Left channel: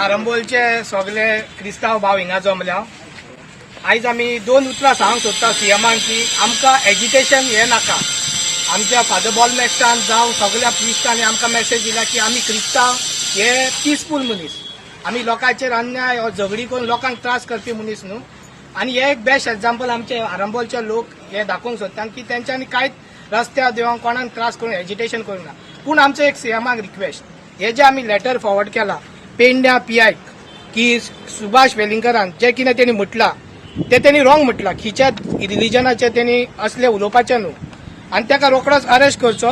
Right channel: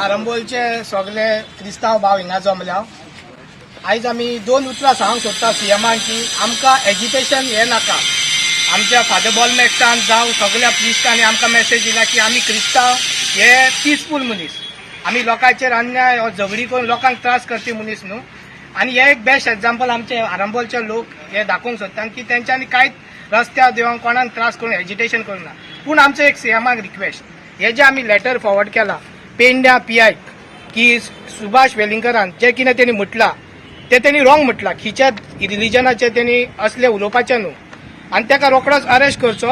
आरंबोलचे सगळे क्रिस्तांव भाव हिंगा जमल्या। आयज आमी दोन उतरां सांगूंक सोदता सीएमान की आमकां एज्युकेशन हे नाका। आमच्या फादर बॉलमॅक्सान जावं सगळ्या प्रिस्टांनी आमकां मेसेज दिला की आमी क्रिस्तांव हे पीसफूल मनीस, आमी लोकांचेर अन्याय झगडी करून लोकांक त्रास करपी मनीस न्हू। आनी हे एक बेस्ट एग्जाम्पल आमचे आरंबोलचे लोक हे दाखोवंक सोदतात की तेंच्यांनी कांयच रस्त्यार देवंक कोणाक त्रास करून एजिटेशन करूंक ना। पूण आमचो एक सीएमाक रिक्वेस्ट, हे जे आमी लेटर फॉरवर्ड केला पेंड्या पीआय की सुभाष वेलिंगरान जे कितें तेणी म्हटलां ते तेणी रॉंग म्हटलां, खिच्या रिलिजनाचे तेणी असले उलोवपाचें न्हू आनी ताका रोखडोच अरेस्ट करचो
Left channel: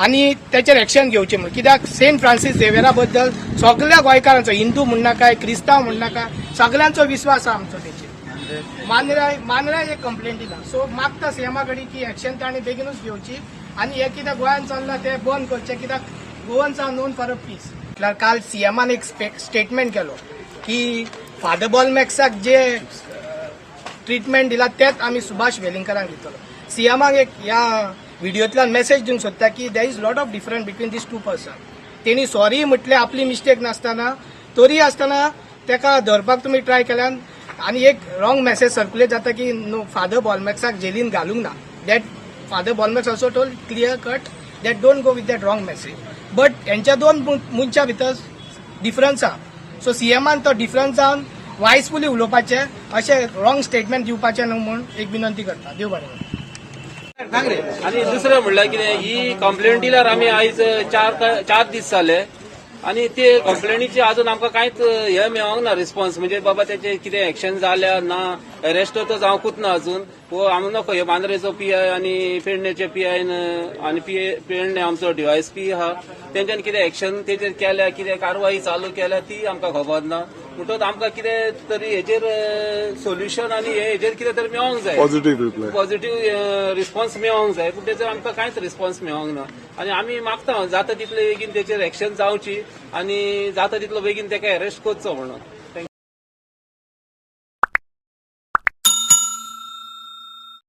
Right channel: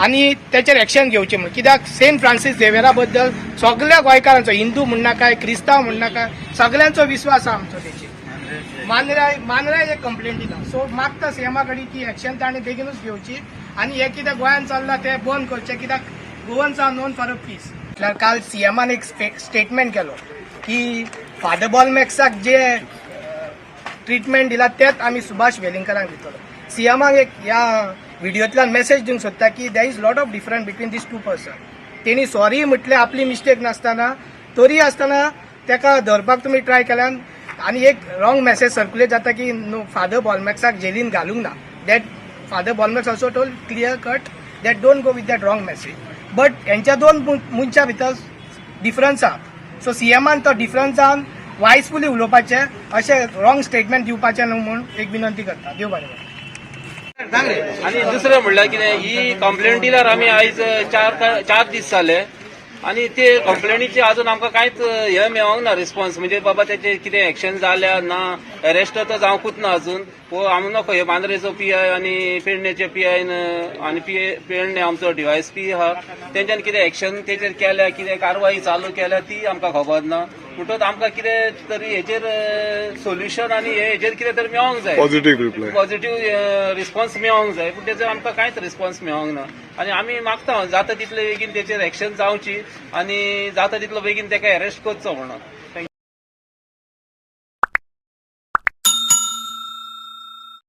आनी तेचेर एक्शन घेवचें म्हूण। कित्याक सेंट फ्रांसीस झेवियरा बद्दल सगळ्या गोंयकारांचो, हिंदू म्हूण नाका क्रिस्तांव म्हूण नाका, सगळ्यांचो विश्वास आहा आमचो तेचेर। मानराय एक कंप्लेंट दिला, सो मागता सीएमा कडेन की एक्शन ताणें बेगीनूच घेवची आनी हे कितें गोंयांत चल्लां तें बंद करचें, कित्याक Goans are known for a peace. काल सीएमान एक स्टेटमेंट केलो की फादर बॉलमॅक्साक जे ट्रिटमेंट दिला तेच आमी सुभाष वेलिंगराक दितलो। सीएमाक एक ह्या व्हिडिओतल्यान मेसेज दिवंक सोदता की there is lot of difference between these two person. तेणी सॉरी म्हटलें आपली मिस्टेक नासतना, तरी आसतना ताका धरपाक तुमी ट्राय केल्यान आनी एक रॉंग मेसेज सर्क्युलेट जाता की नो फादर बॉलमॅक्साक जेलीन घालूंक ना। दॅट फादर बॉलमॅक्स also told clear cut that don't go with that wrong message. But हेंच्या दोन मनशां भितर डिफरन्स आहा, सो सीएमान तो डिफरन्स जावन वायसफुली उलोवपाचें, अशें रॉंग स्टेटमेंट दिवपाचें न्हू म्हूण एक विनंती करता। देव बरें करूं। आणि दुसरं म्हणल्यार कितें, ही कंप्लेंट दिल्यार आमी आयज चार दीस जाले आणि ते कंप्लेनीचे अजून आमकां कांयच हे मेळोंक ना रिस्पॉन्स, म्हणजे बाबा त्याचे कितें एक्शन जाल्या ना, अरेस्ट तर जावंकूच ना अजून। हो आमी नको हे मांद्रेचो पीआय आणि पेडणेचे पीआय आणि पेडणे आमचो डीवायएसपी आहा तेंच्यांनी कितें एक्शन तेचेर केल्या, कितें कारवाई चालू केल्या ती आमकां खबर ना। म्हणटच आमकां कितें तरी हेचेर सोल्युशन आनी हेचेर कितें तरी मेळोंक जाय, पॉझिटिव्ह रिस्पॉन्स मेळोंक जाय, पूण तेचो आमकां कांयच रिस्पॉन्स मेळोंक ना। आनी आमी मागता जाता तितले बेगीन तेचेर एक्शन जावची आनी जाता तितलो बेगीन ताका अरेस्ट करचो म्हणून।